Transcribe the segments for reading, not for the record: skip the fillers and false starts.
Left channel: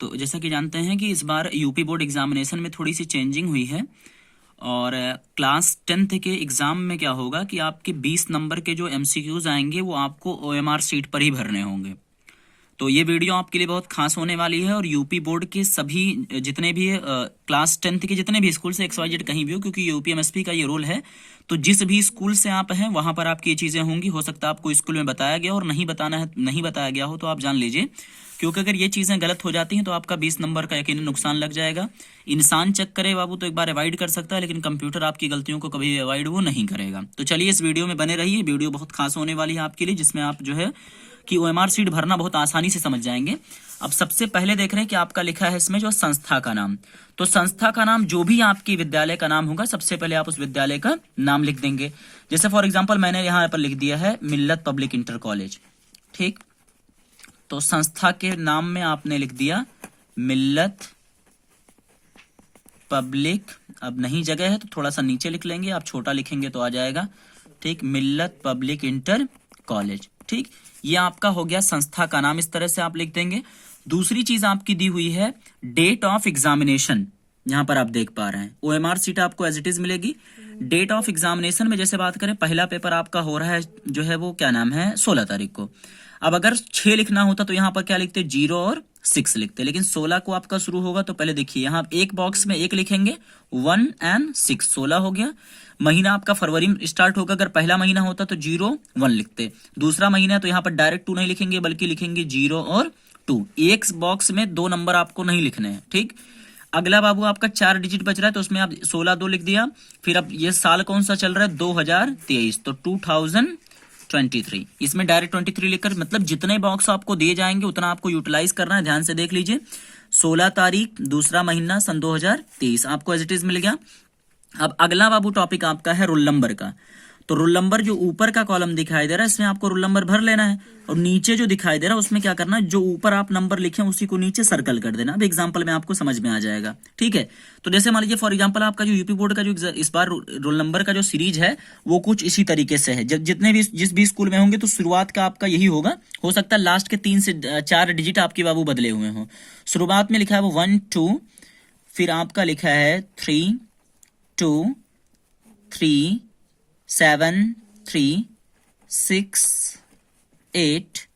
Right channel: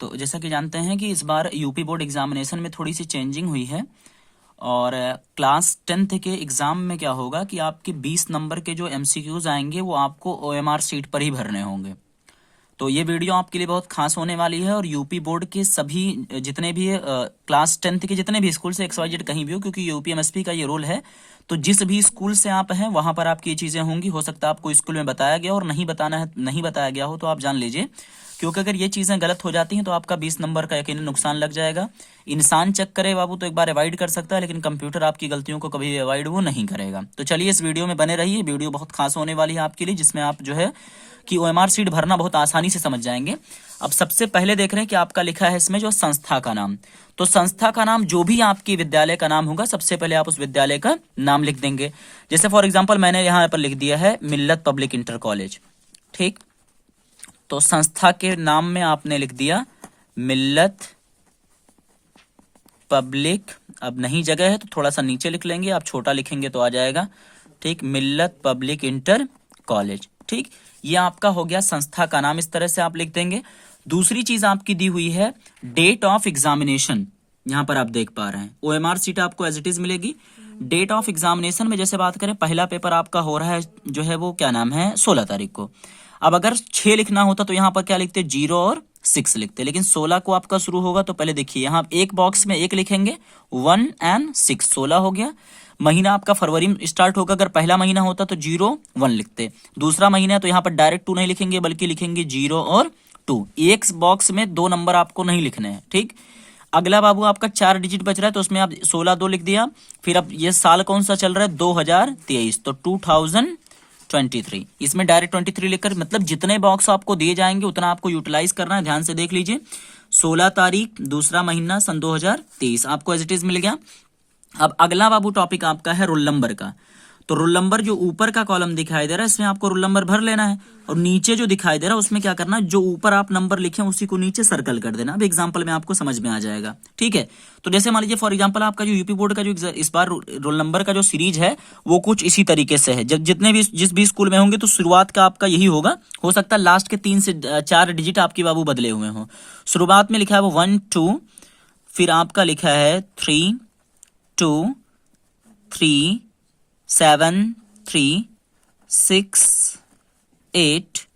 तो जैसा कि जानते हैं कि इस बार यूपी बोर्ड एग्जामिनेशन में थोड़ी सी चेंजिंग हुई है और क्लास 10th के एग्जाम में क्या होगा कि आपके 20 नंबर के जो एमसीक्यूज आएंगे वो आपको ओएमआर सीट पर ही भरने होंगे। तो ये वीडियो आपके लिए बहुत खास होने वाली है और यूपी बोर्ड के सभी जितने भी क्लास 10th के जितने भी स्कूल से XYZ कहीं भी हो, क्योंकि यूपीएमएसपी का ये रोल है। तो जिस भी स्कूल से आप हैं वहां पर आपकी ये चीजें होंगी। हो सकता है आपको स्कूल में बताया गया और नहीं बताया गया हो, तो आप जान लीजिए, क्योंकि अगर ये चीजें गलत हो जाती हैं तो आपका 20 नंबर का यकीनन नुकसान लग जाएगा। इंसान चेक करे बाबू तो एक बार अवॉइड कर सकता है, लेकिन कंप्यूटर आपकी गलतियों को कभी अवॉइड वो नहीं करेगा। तो चलिए इस वीडियो में बने रहिए, वीडियो बहुत खास होने वाली है आपके लिए, जिसमें आप जो है कि ओएमआर सीट भरना बहुत आसानी से समझ जाएंगे। अब सबसे पहले देख रहे हैं कि आपका लिखा है इसमें जो संस्था का नाम। तो संस्था का नाम जो भी आपके विद्यालय का नाम होगा, सबसे पहले आप उस विद्यालय का नाम लिख देंगे। जैसे फॉर एग्जांपल मैंने यहाँ पर लिख दिया है मिल्लत पब्लिक इंटर कॉलेज। ठीक, तो संस्था के नाम में आपने लिख दिया मिल्लत पब्लिक। अब नहीं जगह है तो थोड़ा सा नीचे लिख लेंगे, आप छोटा लिखेंगे तो आ जाएगा। ठीक, मिल्लत पब्लिक इंटर कॉलेज। ठीक, ये आपका हो गया संस्था का नाम, इस तरह से आप लिख देंगे। दूसरी चीज आपकी दी हुई है डेट ऑफ एग्जामिनेशन। यहां पर आप देख पा रहे हैं ओएमआर सीट आपको एज इट इज मिलेगी। डेट ऑफ एग्जामिनेशन में जैसे बात करें, पहला पेपर आपका हो रहा है जो है वो क्या नाम है 16 तारीख को। अब अगर 6 लिखना होता तो यहाँ पर क्या लिखते 0 और 6 लिखते, लेकिन 16 को आपका शुरू होगा। तो पहले देखिए यहाँ एक बॉक्स में 1 लिखेंगे, 1 और 6, 16 हो गया। महीना आपका फरवरी में स्टार्ट होगा, अगर पहला महीना होता तो 0 1 लिखते। दूसरा महीना है तो यहाँ पर डायरेक्ट 2 नहीं लिखेंगे, बल्कि लिखेंगे 0 और 2। एक बॉक्स में 2 नंबर आपको नहीं लिखने हैं। ठीक, अगला बाबू आपका 4 डिजिट बच रहा है तो उसमें आप 16 2 लिख दिया। फिर अब ये साल कौन सा चल रहा है 2023, तो 2023, इसमें डायरेक्ट 23 लिखकर, मतलब जितने बॉक्स आपको दिए जाएंगे उतना आपको यूटिलाइज करना है। ध्यान से देख लीजिए, 16 तारीख दूसरा महीना सन 2023 आपको एज इट इज मिल गया। अब अगला बाबू टॉपिक आपका है रोल नंबर का। तो रोल नंबर जो ऊपर का कॉलम दिखाई दे रहा है इसमें आपको रोल नंबर भर लेना है, और नीचे जो दिखाई दे रहा है उसमें क्या करना है, जो ऊपर आप नंबर लिखे उसी को नीचे सर्कल कर देना। अब एग्जांपल में आपको समझ में आ जाएगा। ठीक है, तो जैसे मान लीजिए फॉर एग्जांपल आपका जो यूपी बोर्ड का जो इस बार रोल नंबर का जो सीरीज है वो कुछ इसी तरीके से है। जब जितने भी जिस भी स्कूल में होंगे तो शुरुआत का आपका यही होगा। हो सकता है लास्ट के 3 से 4 डिजिट आपके बाबू बदले हुए हों। शुरुआत में लिखा है वो 1 2, फिर आपका लिखा है 3 2 3 7 3 6 8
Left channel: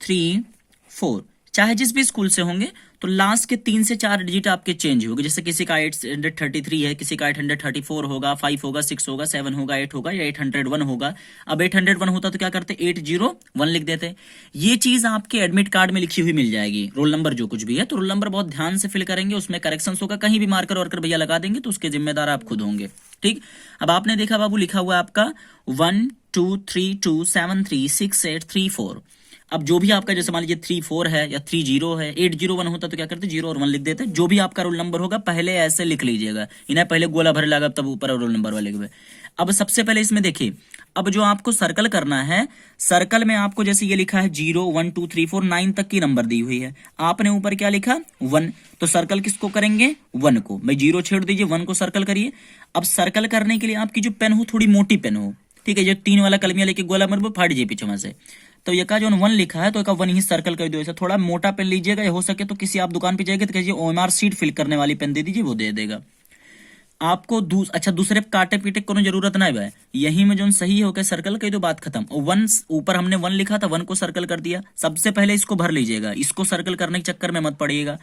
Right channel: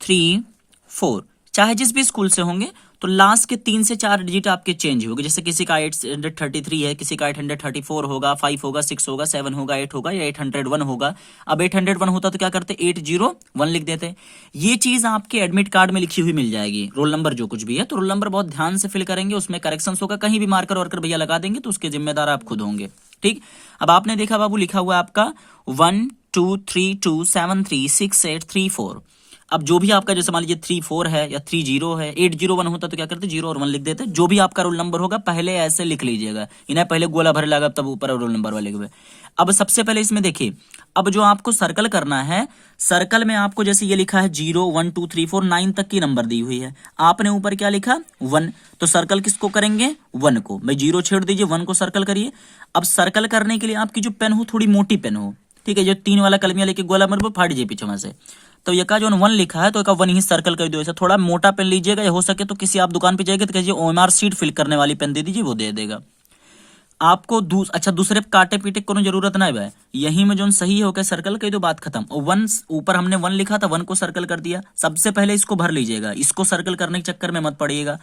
3 4। चाहे जिस भी स्कूल से होंगे तो लास्ट के 3 से 4 डिजिट आपके चेंज होंगे। जैसे किसी का 833 है, किसी का 834 होगा, 5 होगा, 6 होगा, 7 होगा, 8 होगा, या 801 होगा। अब 801 होता तो क्या करते 801 लिख देते। ये चीज आपके एडमिट कार्ड में लिखी हुई मिल जाएगी, रोल नंबर जो कुछ भी है। तो रोल नंबर बहुत ध्यान से फिल करेंगे, उसमें करेक्शंस होगा। कहीं भी मार्कर वार्कर भैया लगा देंगे तो उसके जिम्मेदार आप खुद होंगे। ठीक, अब आपने देखा बाबू लिखा हुआ आपका 1 2 3 2 7 3 6 8 3 4। अब जो भी आपका जैसे मान लीजिए 3 4 है या 3 0 है, 801 होता तो क्या करते 0 और 1 लिख देते। जो भी आपका रोल नंबर होगा पहले ऐसे लिख लीजिएगा, इन्हें पहले गोला भर लगा तब ऊपर रोल नंबर वाले के। अब सबसे पहले इसमें देखिए, अब जो आपको सर्कल करना है, सर्कल में आपको जैसे ये लिखा है 0 1 2 3 4 9 तक की नंबर दी हुई है, आपने ऊपर क्या लिखा 1, तो सर्कल किसको करेंगे 1 को। भाई 0 छेड़ दीजिए, 1 को सर्कल करिए। अब सर्कल करने के लिए आपकी जो पेन हो थोड़ी मोटी पेन हो, ठीक है, जो 3 वाला कलमिया लेके गोला मर फाड़ दीजिए पीछे वहां से। तो ये का जो 1 लिखा है तो एक 1 ही सर्कल कर दो। ऐसा थोड़ा मोटा पेन लीजिएगा, या हो सके तो किसी आप दुकान पे जाएंगे तो कहिए ओएमआर सीट फिल करने वाली पेन दे दीजिए, वो दे देगा आपको। अच्छा दूसरे काटे पीटे को जरूरत ना है, यही में जो सही हो सर्कल कही तो बात खत्म। और 1 ऊपर हमने 1 लिखा था, 1 को सर्कल कर दिया। सबसे पहले इसको भर लीजिएगा, इसको सर्कल करने के चक्कर में मत पड़िएगा।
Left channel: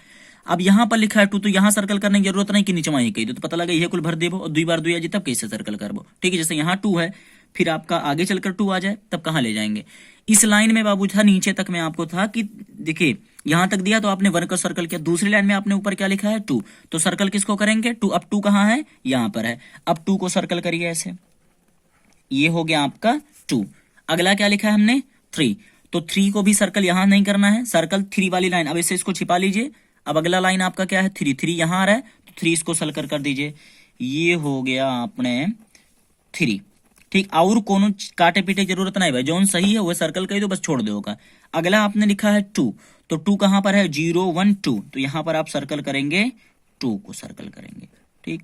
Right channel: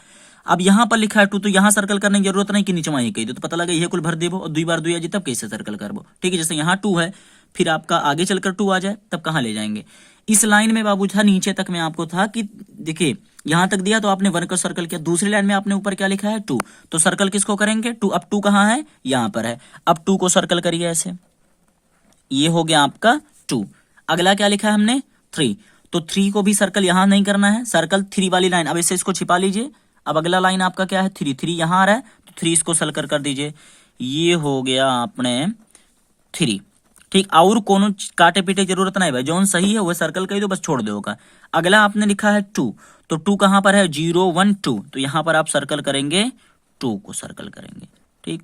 अब यहाँ पर लिखा है 2, तो यहाँ सर्कल करने की जरूरत नहीं कि नीचे वहीं कही तो पता लगा ये कुल भर देबो और 2 बार 2 आ जाए तब कैसे सर्कल करबो। ठीक है, जैसे यहाँ 2 है, फिर आपका आगे चलकर 2 आ जाए तब कहाँ ले जाएंगे। इस लाइन में बाबू था नीचे तक में आपको था कि देखिए यहां तक दिया तो आपने 1 का सर्कल किया। दूसरी लाइन में आपने ऊपर क्या लिखा है 2, तो सर्कल किसको करेंगे 2। अब 2 कहां है यहां पर है, अब 2 को सर्कल करिए ऐसे, ये हो गया आपका 2। अगला क्या लिखा है हमने 3, तो 3 को भी सर्कल यहां नहीं करना है, सर्कल 3 वाली लाइन। अब इसे इसको छिपा लीजिए। अब अगला लाइन आपका क्या है 3, 3 यहां आ रहा है तो 3 इसको सर्कल कर दीजिए, ये हो गया आपने 3। ठीक, और कोनो काटे पीटे जरूरत नहीं भाई, जौन सही है वो सर्कल कर दो, बस छोड़ दो का। अगला आपने लिखा है 2, तो 2 कहां पर है 0 1 2, तो यहां पर आप सर्कल करेंगे 2 को सर्कल करेंगे। ठीक,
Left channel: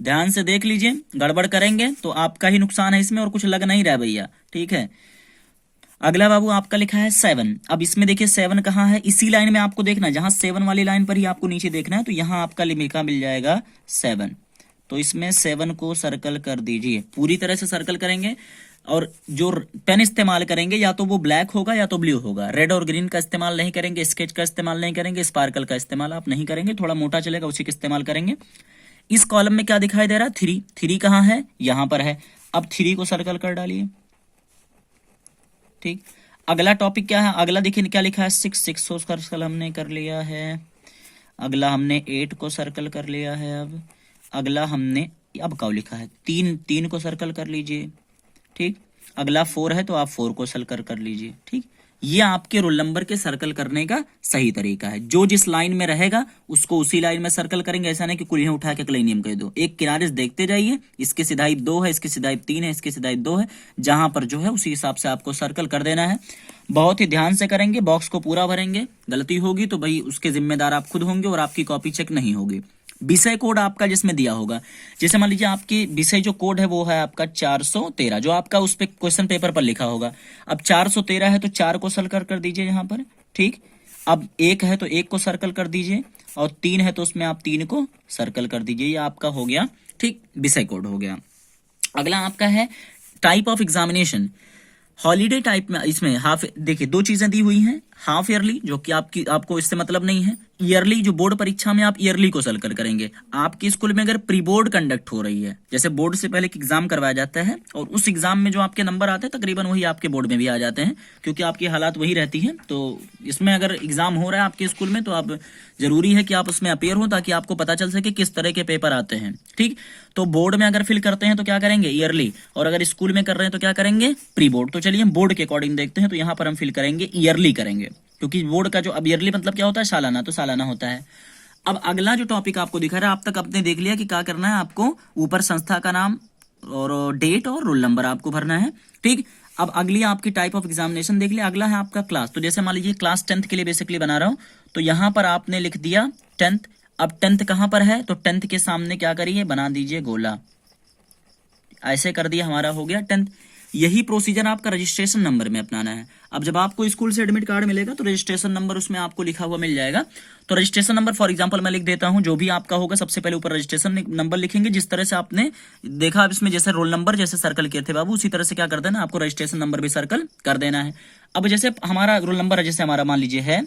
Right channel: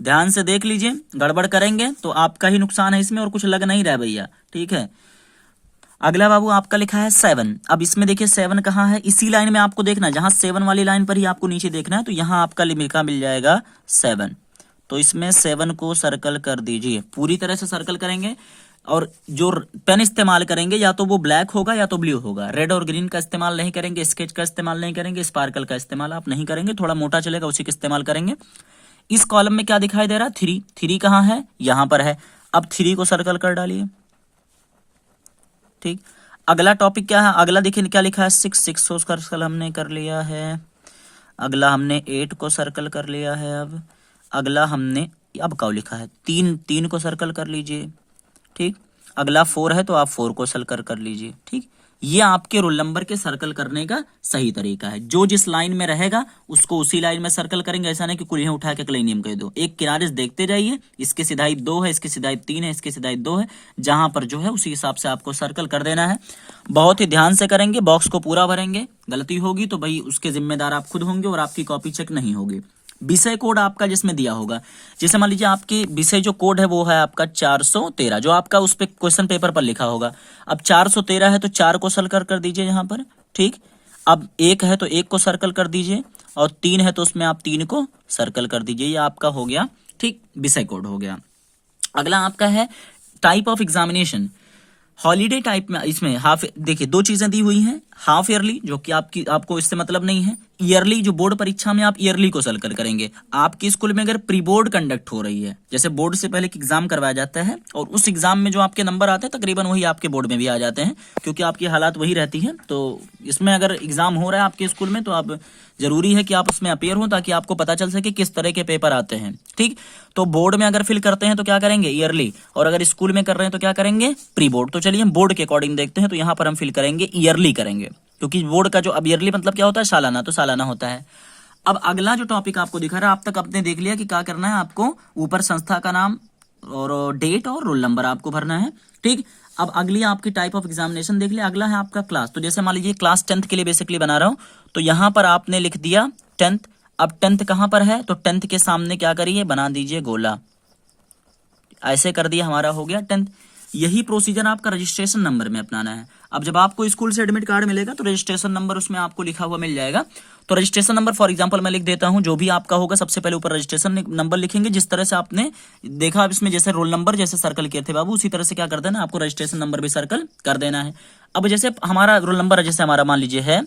ध्यान से देख लीजिए, गड़बड़ करेंगे तो आपका ही नुकसान है इसमें और कुछ लग नहीं रहा भैया। ठीक है, अगला बाबू आपका लिखा है 7। अब इसमें देखिए 7 कहाँ है, इसी लाइन में आपको देखना है, जहां 7 वाली लाइन पर ही आपको नीचे देखना है, तो यहाँ आपका लिखा मिल जाएगा 7। तो इसमें 7 को सर्कल कर दीजिए, पूरी तरह से सर्कल करेंगे। और जो पेन इस्तेमाल करेंगे या तो वो ब्लैक होगा या तो ब्लू होगा, रेड और ग्रीन का इस्तेमाल नहीं करेंगे, स्केच का इस्तेमाल नहीं करेंगे, स्पार्कल का इस्तेमाल आप नहीं करेंगे, थोड़ा मोटा चलेगा उसी का इस्तेमाल करेंगे। इस कॉलम में क्या दिखाई दे रहा है, 3। 3 कहाँ है, यहां पर है। अब 3 को सर्कल कर डालिए, ठीक। अगला टॉपिक क्या है, अगला देखिए क्या लिखा है, 6 को सर्कल हमने कर लिया है। अगला हमने 8 को सर्कल कर लिया है। अब अगला हमने, अब क्या लिखा है, 3 को सर्कल कर लीजिए, ठीक। अगला 4 है तो आप 4 को सर्कल कर लीजिए, ठीक। ये आपके रोल नंबर के सर्कल करने का सही तरीका है। जो जिस लाइन में रहेगा उसको उसी लाइन में सर्कल करेंगे, ऐसा नहीं कि कुल्हियां उठा के क्लेनियम कह दो। एक किनारे से देखते जाइए, इसकी सिधाई 2 है, इसकी सिधाई 3 है, इसकी सिधाई 2 है, जहां पर जो है उसी हिसाब से आपको सर्कल कर देना है। बहुत ही ध्यान से करेंगे, बॉक्स को पूरा भरेंगे। गलती होगी तो भाई उसके जिम्मेदार आप खुद होंगे और आपकी कॉपी चेक नहीं होगी। विषय कोड आपका जिसमें दिया होगा, जैसे मान लीजिए आपकी विषय जो कोड है वो है आपका 413, जो आपका उस पे क्वेश्चन पेपर पर लिखा होगा। अब 413 है तो 4 को सर्कल कर दीजिए यहाँ पर, ठीक। अब 1 है तो 1 को सर्कल कर दीजिए, और 3 है तो उसमें आप 3 को सर्कल कर दीजिए। ये आपका हो गया, ठीक, विषय कोड हो गया। अगला आपका है type of examination. Holiday type में इसमें हाफ, देखिए 2 चीजें दी हुई हैं, हाफ ईयरली जो कि आपको इससे मतलब नहीं है, ईयरली जो बोर्ड परीक्षा में आप ईयरली को सर्कल करेंगे। आपकी स्कूल में अगर प्री बोर्ड कंडक्ट हो रही है, जैसे बोर्ड से पहले एक एग्जाम करवाया जाता है और उस एग्जाम में जो आपके नंबर आते हैं तकरीबन वही आपके बोर्ड में भी आ जाते हैं, क्योंकि आपकी हालात वही रहती है। तो इसमें अगर एग्जाम हो रहा है आपके स्कूल में तो आप जरूरी है कि आप उसमें अपीयर हो, ताकि आपको पता चल सके किस तरह के पेपर आते हैं, ठीक। तो बोर्ड में अगर फिल करते हैं तो क्या करेंगे, ईयरली, और अगर स्कूल में कर रहे हैं तो क्या करेंगे, प्री बोर्ड। तो चलिए हम बोर्ड के अकॉर्डिंग देखते हैं, तो यहाँ पर हम फिल करेंगे ईयरली करेंगे, क्योंकि बोर्ड का जो अब ईयरली मतलब क्या होता है, सालाना, तो सालाना होता है। अब अगला जो टॉपिक आपको दिखा रहा है, आप तक आपने देख लिया कि क्या करना है आपको, ऊपर संस्था का नाम और डेट और रोल नंबर आपको भरना है, ठीक। अब अगली आपकी टाइप ऑफ एग्जामिनेशन देख लिया। अगला है आपका क्लास। तो जैसे मान लीजिए क्लास 10th के लिए बेसिकली बना रहा हूं, तो यहां पर आपने लिख दिया 10th। अब 10th कहां पर है, तो 10th के सामने क्या करिए, बना दीजिए गोला, ऐसे कर दिया, हमारा हो गया 10th। यही प्रोसीजर आपका रजिस्ट्रेशन नंबर में अपनाना है। अब जब आपको स्कूल से एडमिट कार्ड मिलेगा तो रजिस्ट्रेशन नंबर उसमें आपको लिखा हुआ मिल जाएगा। तो रजिस्ट्रेशन नंबर फॉर एग्जांपल मैं लिख देता हूं, जो भी आपका होगा सबसे पहले ऊपर रजिस्ट्रेशन नंबर लिखेंगे, जिस तरह से आपने देखा इसमें जैसे रोल नंबर जैसे सर्कल किए थे बाबू, उसी तरह से क्या कर देना, आपको रजिस्ट्रेशन नंबर भी सर्कल कर देना है। अब जैसे हमारा रोल नंबर है, जैसे हमारा मान लीजिए है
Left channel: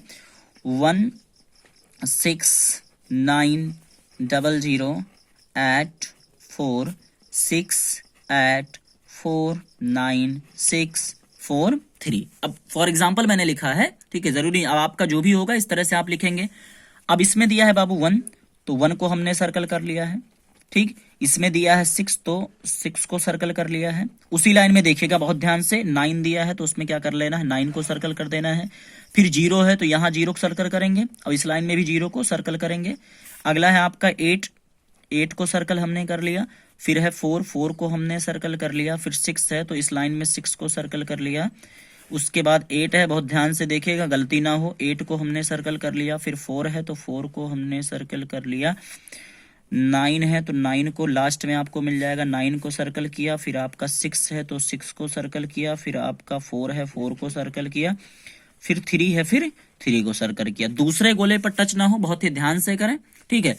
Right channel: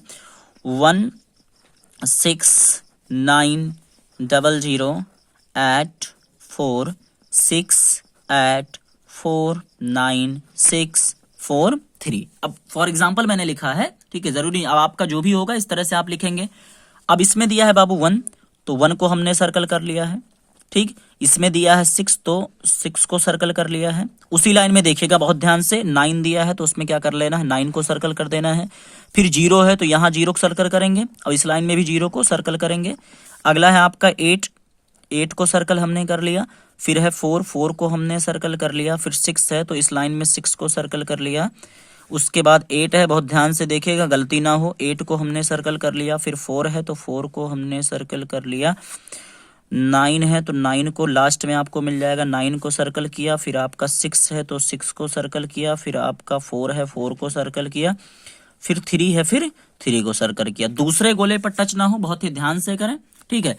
1690086849643। अब फॉर एग्जांपल मैंने लिखा है, ठीक है, जरूरी अब आपका जो भी होगा इस तरह से आप लिखेंगे। अब इसमें दिया है बाबू 1, तो 1 को हमने सर्कल कर लिया है, ठीक। इसमें दिया है 6, तो 6 को सर्कल कर लिया है। उसी लाइन में देखिएगा बहुत ध्यान से, 9 दिया है तो उसमें क्या कर लेना है, 9 को सर्कल कर देना है। फिर 0 है तो यहाँ 0 को सर्कल करेंगे, अब इस लाइन में भी 0 को सर्कल करेंगे। अगला है आपका 8 को सर्कल हमने कर लिया। फिर है 4 को हमने सर्कल कर लिया। फिर 6 है तो इस लाइन में 6 को सर्कल कर लिया। उसके बाद 8 है, बहुत ध्यान से देखिएगा गलती ना हो, 8 को हमने सर्कल कर लिया। फिर 4 है तो 4 को हमने सर्कल कर लिया। 9 है तो 9 को लास्ट में आपको मिल जाएगा, 9 को सर्कल किया। फिर आपका 6 है तो 6 को सर्कल किया। फिर आपका 4 है, 4 को सर्कल किया। फिर 3 है, फिर 3 को सर्कल किया। दूसरे गोले पर टच ना हो, बहुत ही ध्यान से करें, ठीक है।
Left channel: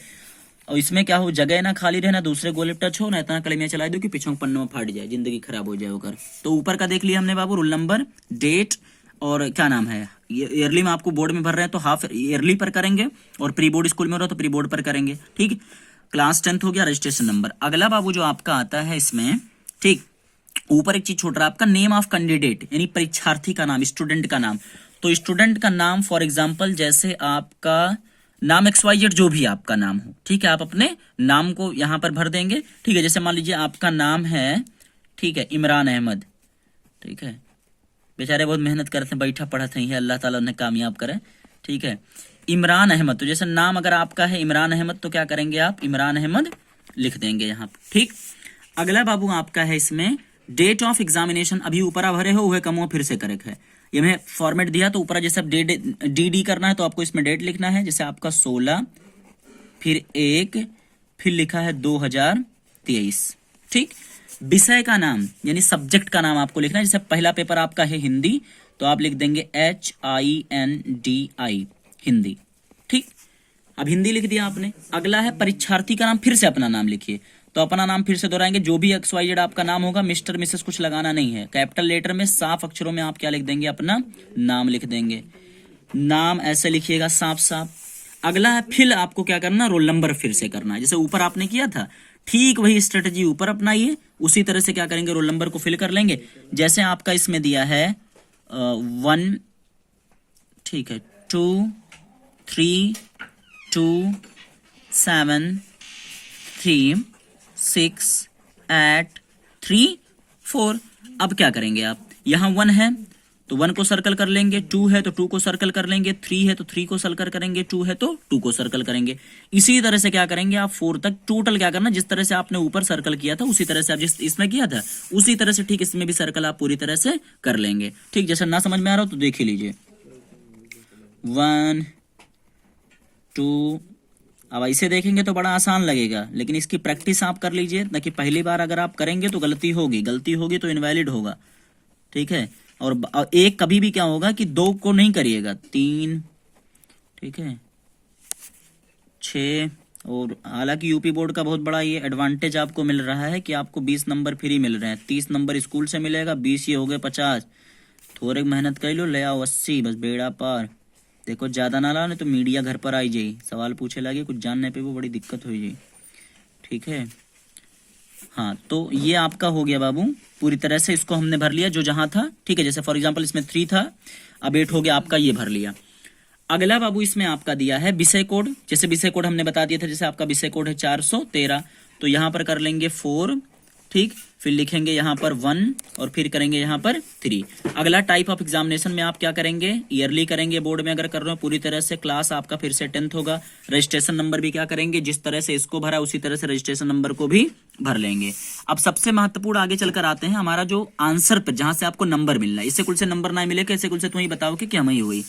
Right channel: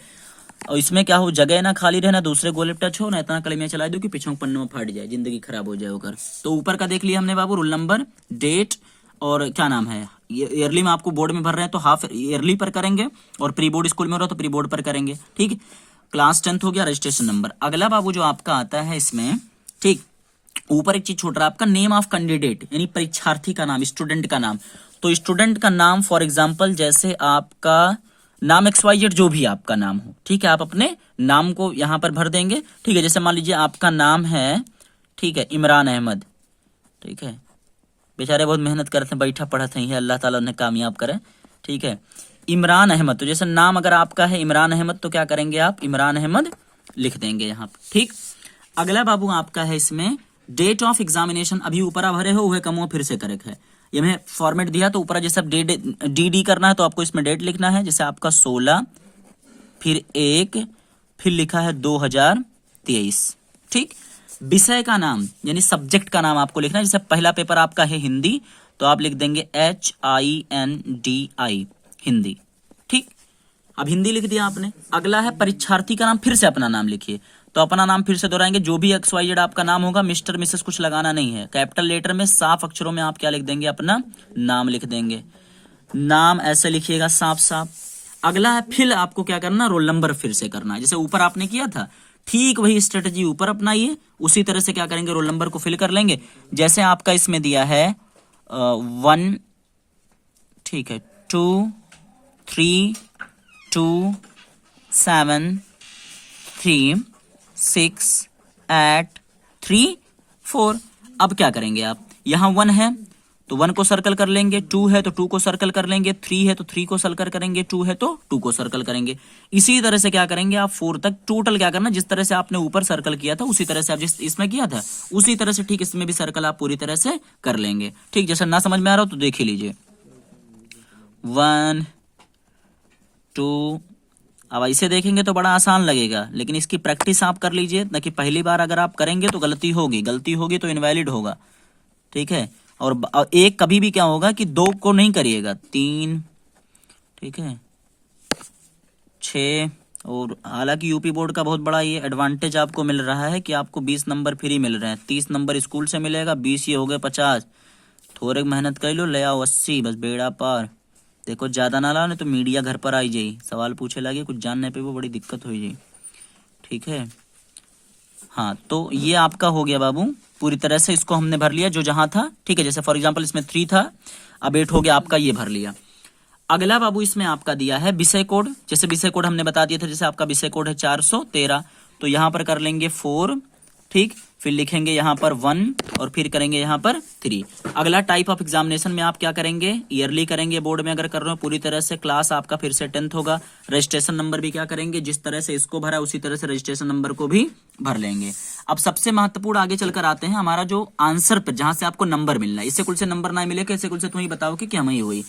और इसमें क्या हो, जगह ना खाली रहना, दूसरे गोले पर टच हो ना, इतना कलमिया चला दो कि पीछे पन्नों में फाट जाए, जिंदगी खराब हो जाए होकर। तो ऊपर का देख लिया हमने बाबू, रोल नंबर, डेट और क्या नाम है, ईयरली में आपको बोर्ड में भर रहे हैं तो हाफ ईयरली पर करेंगे, और प्री बोर्ड स्कूल में हो रहा तो प्री बोर्ड पर करेंगे, ठीक। क्लास 10th हो गया, रजिस्ट्रेशन नंबर। अगला बाबू जो आपका आता है इसमें, ठीक, ऊपर एक चीज छोड़ रहा है आपका, नेम ऑफ कैंडिडेट, यानी परीक्षार्थी का नाम, स्टूडेंट का नाम। तो स्टूडेंट का नाम फॉर एग्जांपल जैसे आपका नाम XYZ जो भी आपका नाम हो, ठीक है, आप अपने नाम को यहां पर भर देंगे, ठीक है। जैसे मान लीजिए आपका नाम है, ठीक है, इमरान अहमद, ठीक है, बेचारे बहुत मेहनत करते हैं, बैठा पढ़ा नहीं है, अल्लाह ताला उन्हें कामयाब करे, ठीक है, इमरान अहमद। तो जैसे नाम अगर आपका है इमरान अहमद तो क्या करेंगे आप, इमरान अहमद लिख देंगे यहाँ पर, ठीक। अगला बाबू आपका है इसमें डेट ऑफ एग्जामिनेशन। अभी ऊपर आप भरे हो वह कम हो, फिर से करेक्ट है, ये मैं फॉर्मेट दिया तो ऊपर जैसे डी करना है तो आपको इसमें डेट लिखना है, जैसे आपका 16 फिर 1 फिर लिखा है 2023, ठीक। विषय का नाम यानी सब्जेक्ट का नाम आपको लिखना है, जैसे पहला पेपर आपका है हिंदी तो आप लिख देंगे HINDI, हिंदी। ठीक, अब हिंदी लिख दिया आपने। अगला है परीक्षार्थी का नाम, फिर से अपना नाम लिखिए। तो अपना नाम फिर से दोहराएंगे, जो भी XYZ आपका नाम होगा, मिस्टर मिसेस कुछ लगाना नहीं है, कैपिटल लेटर में साफ अक्षरों में आप क्या लिख देंगे, अपना नाम लिख देंगे। नाम ऐसे लिखिएगा साफ साफ। अगला है फिल आपको क्या करना, रोल नंबर फिर से करना है, जैसे ऊपर आपने किया था ठीक वही स्ट्रेटजी ऊपर अपनाइए, उसी तरह से क्या करेंगे, रोल नंबर को फिल कर लेंगे। जैसे आपका इसमें दिया है 1, ठीक है, 2 3 2 7 3 6 8 3 4। अब क्या करेंगे आप, यहां 1 है तो 1 को सर्कल कर लेंगे, 2 है तो 2 को सर्कल कर लेंगे, 3 है तो 3 को सर्कल करेंगे, 2 है तो 2 को सर्कल करेंगे। इसी तरह से क्या करेंगे आप 4 तक टोटल क्या करना, जिस तरह से आपने ऊपर सर्कल किया था उसी तरह से आप जिस इसमें किया था उसी तरह से ठीक इसमें भी सर्कल आप पूरी तरह से कर लेंगे। ठीक, जैसे ना समझ में आ रहा हो तो देख ही लीजिए। 1 2, अब ऐसे देखेंगे तो बड़ा आसान लगेगा, लेकिन इसकी प्रैक्टिस आप कर लीजिए ना, कि पहली बार अगर आप करेंगे तो गलती होगी तो इनवैलिड होगा। ठीक है, और एक कभी भी क्या होगा कि 2 को नहीं करिएगा, 3, ठीक है, 6। और हालांकि यूपी बोर्ड का बहुत बड़ा ये एडवांटेज आपको मिल रहा है कि आपको 20 नंबर फ्री मिल रहे हैं। 30 नंबर स्कूल से मिलेगा, 20 ये हो गए 50। थोड़े मेहनत कर लो, ले आओ 80, बस बेड़ा पार। देखो ज्यादा ना लाओ, नहीं तो मीडिया घर पर आई जाई, सवाल पूछे लगे, कुछ जानने पे वो बड़ी दिक्कत हो जाए। ठीक है, हाँ, तो ये आपका हो गया बाबू, पूरी तरह से इसको हमने भर लिया जो जहां था। ठीक है, जैसे फॉर एग्जांपल इसमें 3 था, अब 8 हो गया आपका, ये भर लिया। अगला बाबू इसमें आपका दिया है विषय कोड, जैसे विषय कोड हमने बता दिया था, जैसे आपका विषय कोड है 413, तो यहां पर कर लेंगे 4, ठीक, फिर लिखेंगे यहाँ पर 1 और फिर करेंगे यहाँ पर 3। अगला टाइप ऑफ एग्जामिनेशन में आप क्या करेंगे, ईयरली करेंगे, बोर्ड में अगर कर रहे हो पूरी तरह से। क्लास आपका फिर से 10th होगा। रजिस्ट्रेशन नंबर भी क्या करेंगे, जिस तरह से इसको भरा उसी तरह से रजिस्ट्रेशन नंबर को भी भर लेंगे। अब सबसे महत्वपूर्ण आगे चलकर आते हैं हमारा जो आंसर पे, जहां से आपको नंबर मिलना है। इससे कुल से नंबर ना मिले, कैसे कुल से तुम ही बताओ कि क्या ही हुई।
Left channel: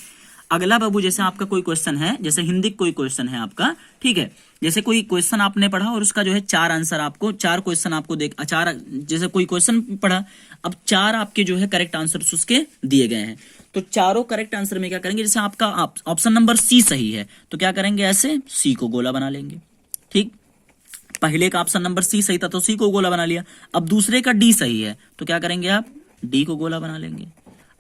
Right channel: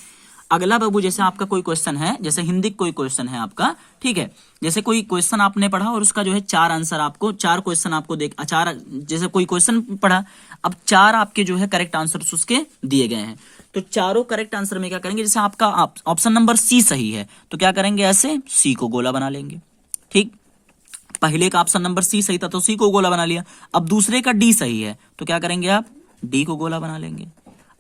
अगला बाबू, जैसे आपका कोई क्वेश्चन है, जैसे हिंदी कोई क्वेश्चन है आपका, ठीक है, जैसे कोई क्वेश्चन आपने पढ़ा और उसका जो है 4 आंसर आपको, 4 क्वेश्चन आपको जैसे कोई क्वेश्चन पढ़ा, अब 4 आपके जो है करेक्ट आंसर उसके दिए गए हैं, तो चारों करेक्ट आंसर में क्या करेंगे, जैसे आपका ऑप्शन नंबर सी सही है तो क्या करेंगे, ऐसे सी को गोला बना लेंगे। ठीक, पहले का ऑप्शन नंबर सी सही था तो सी को गोला बना लिया। अब दूसरे का डी सही है तो क्या करेंगे, आप डी को गोला बना लेंगे।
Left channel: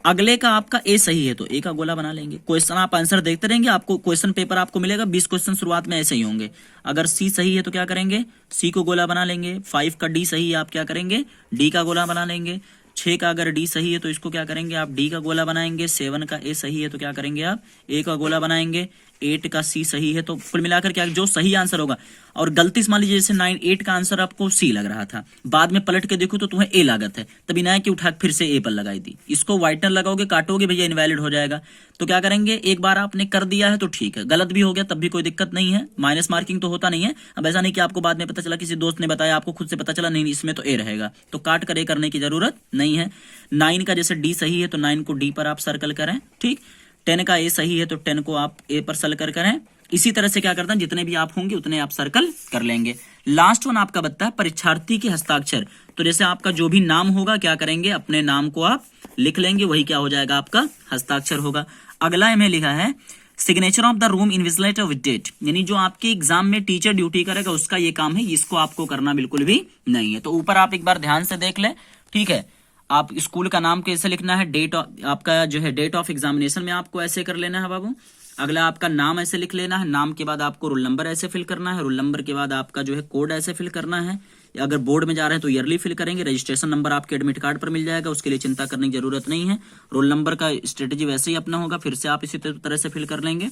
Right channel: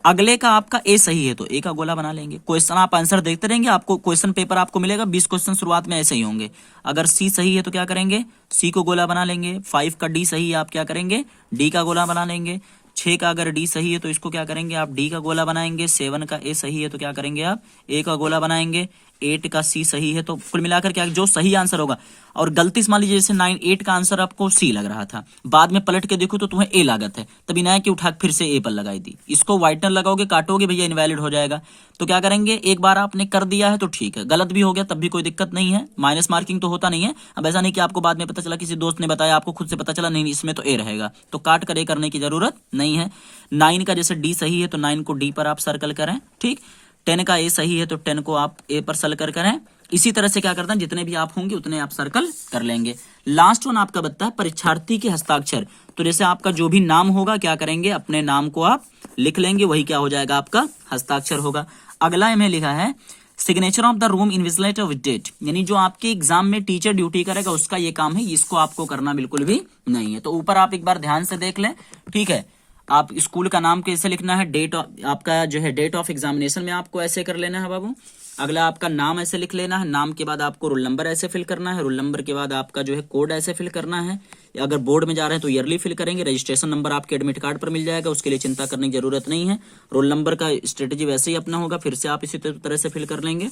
अगले का आपका ए सही है तो ए का गोला बना लेंगे। क्वेश्चन आप आंसर देखते रहेंगे, आपको क्वेश्चन पेपर आपको मिलेगा, 20 क्वेश्चन शुरुआत में ऐसे ही होंगे। अगर सी सही है तो क्या करेंगे, सी को गोला बना लेंगे। 5 का डी सही है, आप क्या करेंगे, डी का गोला बना लेंगे। 6 का अगर डी सही है तो इसको क्या करेंगे, आप डी का गोला बनाएंगे। 7 का ए सही है तो क्या करेंगे, आप ए का गोला बनाएंगे। 8 का सी सही है तो कुल मिलाकर क्या, जो सही आंसर होगा। और गलती से मान लीजिए जैसे 8 का आंसर आपको सी लग रहा था, बाद में पलट के देखो तो तुम्हें ए लागत है, तभी ना कि उठा फिर से ए पर लगाई दी। इसको व्हाइटनर लगाओगे, काटोगे भैया, इनवैलिड हो जाएगा। तो क्या करेंगे, एक बार आपने कर दिया है तो ठीक है, गलत भी हो गया तब भी कोई दिक्कत नहीं है, माइनस मार्किंग तो होता नहीं है। अब ऐसा नहीं कि आपको बाद में पता चला, किसी दोस्त ने बताया, आपको खुद से पता चला नहीं इसमें तो ए रहेगा, तो काट कर ए करने की जरूरत नहीं है। 9 का जैसे डी सही है तो 9 को डी पर आप सर्कल करें। ठीक, 10 का ए सही है तो 10 को आप ए पर सर्कल करें। इसी तरह से क्या करता है, जितने भी आप होंगे उतने आप सर्कल कर लेंगे। लास्ट वन आपका बनता है परीक्षार्थी के हस्ताक्षर। तो जैसे आपका जो भी नाम होगा क्या करेंगे, अपने नाम को आप लिख लेंगे, वही क्या हो जाएगा, आपका हस्ताक्षर होगा। अगला में लिखा है signature of the room invigilator with date, यानी जो आपके एग्जाम में टीचर ड्यूटी करेगा उसका ये काम है, इसको आपको करना बिल्कुल भी नहीं है। तो ऊपर आप एक बार ध्यान से देख लें। ठीक है, आप स्कूल का नाम कैसे लिखना है, डेट आपका जो है डेट ऑफ एग्जामिनेशन में आपको ऐसे कर लेना है बाबू। अगला आपका नाम ऐसे लिख लेना है, नाम के बाद आपको रोल नंबर ऐसे फिल करना है, रोल नंबर के बाद आपका जो है कोड ऐसे फिल करना है। अगर बोर्ड में जा रहे हैं तो ईयरली फिल करेंगे। रजिस्ट्रेशन नंबर आपके एडमिट कार्ड पर मिल जाएगा, उसके लिए चिंता करने की जरूरत नहीं है। रोल नंबर का स्ट्रेटेजी वैसे ही अपना होगा, फिर से आप इसी तरह से फिल कर लेंगे।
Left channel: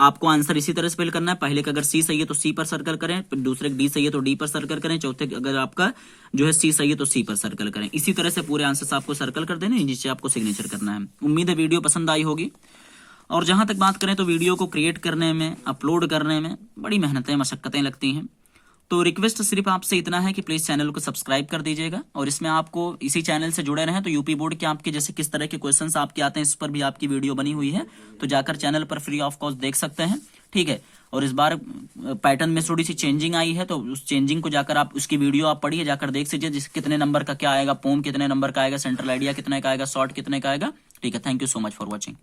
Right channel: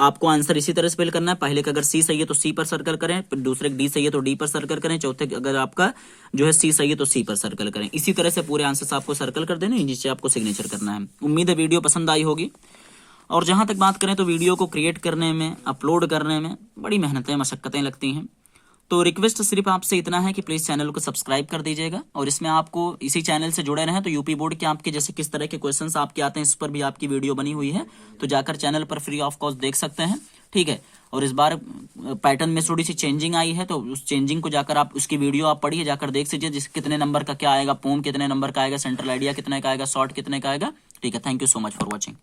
आपको आंसर इसी तरह से फिल करना है। पहले का अगर सी सही है तो सी पर सर्कल करें, फिर दूसरे डी सही है तो डी पर सर्कल करें, चौथे अगर आपका जो है सी सही है तो सी पर सर्कल करें। इसी तरह से पूरे आंसर आपको सर्कल कर देने, जिससे आपको सिग्नेचर करना है। उम्मीद है वीडियो पसंद आई होगी। और जहां तक बात करें तो वीडियो को क्रिएट करने में, अपलोड करने में बड़ी मेहनतें, मशक्कतें लगती हैं। तो रिक्वेस्ट सिर्फ आपसे इतना है कि प्लीज चैनल को सब्सक्राइब कर दीजिएगा, और इसमें आपको इसी चैनल से जुड़े रहें तो यूपी बोर्ड के आपके जैसे किस तरह के क्वेश्चंस आपके आते हैं इस पर भी आपकी वीडियो बनी हुई है, तो जाकर चैनल पर फ्री ऑफ कॉस्ट देख सकते हैं। ठीक है, और इस बार पैटर्न में थोड़ी सी चेंजिंग आई है, तो उस चेंजिंग को जाकर आप उसकी वीडियो आप पढ़िए, जाकर देख लीजिए जिस कितने नंबर का क्या आएगा, पोम कितने नंबर का आएगा, सेंट्रल आइडिया कितने का आएगा, शॉर्ट कितने का आएगा। ठीक है, thank you so much for watching.